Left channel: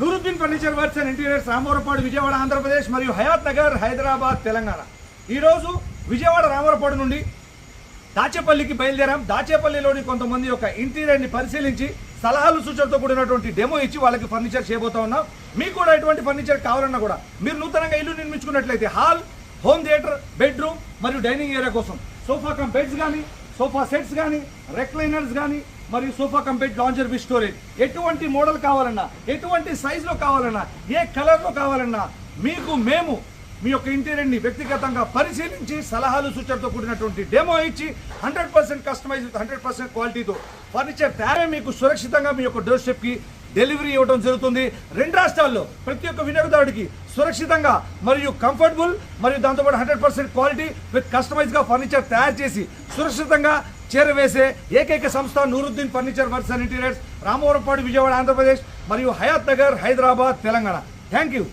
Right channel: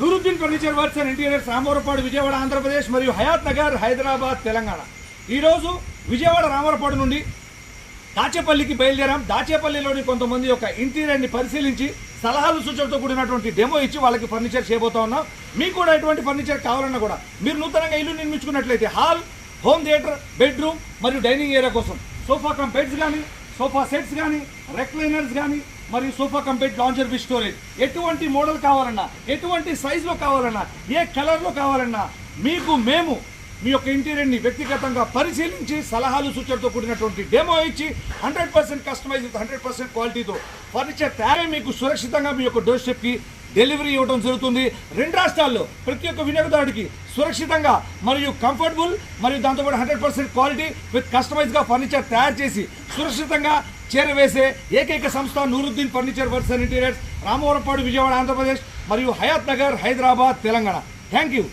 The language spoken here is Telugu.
Nooruddin furniture works and interiors Ramavarappadu Vijayawada Andhra Pradesh మరియు హయాత్ నగర్ హైదరాబాద్ తెలంగాణ. ఈరోజు విజయవాడ రామవరపాడు నుండి దాచేపల్లికి బయలుదేరాం. దాచేపల్లిలోని కొంతమంది యొక్క ఇంటీరియర్ని పరిశీలించి సలహాలు సూచనతో కూడినటువంటి డెమో ఇచ్చి వాళ్ళకి ఫర్నిచర్ చేయబోతా ఉన్నాం. మీకు కూడా ఎటువంటి ఫర్నిచర్ కావాలన్నా కూడా మీరు నూతనంగా ఇల్లు నిర్మించుకున్నట్లయితే హాల్ హోమ్ థియేటర్ బెడ్రూమ్ మరియు డైనింగ్ ఏరియా కోసం సోఫా కమ్ బెడ్స్ కానీ సోఫా సెట్స్ కానీ రెక్లైనర్స్ కానీ మరియు sofa cum bed lounger with storage. ఎటువంటి మోడల్ కావాలన్నా ఎటువంటి సైజులో కావాలన్నా ఏ కలర్లో కావాలన్నా మీకు మేము మీ యొక్క ఇంటీరియర్ని వ్యక్తిగతంగా పరిశీలించి సలహాలు సూచనతో కూడినటువంటి డెమో ఇచ్చి hundred percent customize hundred percent క్వాలిటీతో ఫర్నిచర్ తయారే మీకు సురక్షితంగా మీ యొక్క డోర్ స్టెప్కి డెలివరీ ఇవ్వడం జరుగుతుంది. రెండు రాష్ట్రాల్లో ప్రతి ఒక్క వినియోగదారుడికి సురక్షితంగా మరియు కంఫర్టబుల్ మరియు దాంతోపాటు హండ్రెడ్ పర్సెంట్ క్వాలిటీ విత్ కస్టమైజ్గా ఫర్నిచర్ తయారు చేసి సురక్షితంగా చేరవేసే ఏకైక సంస్థ Nooruddin furniture works and interiors Ramavarappadu Vijayawada Andhra Pradesh మరియు హయాత్ నగర్ హైదరాబాద్ తెలంగాణ. Thank you.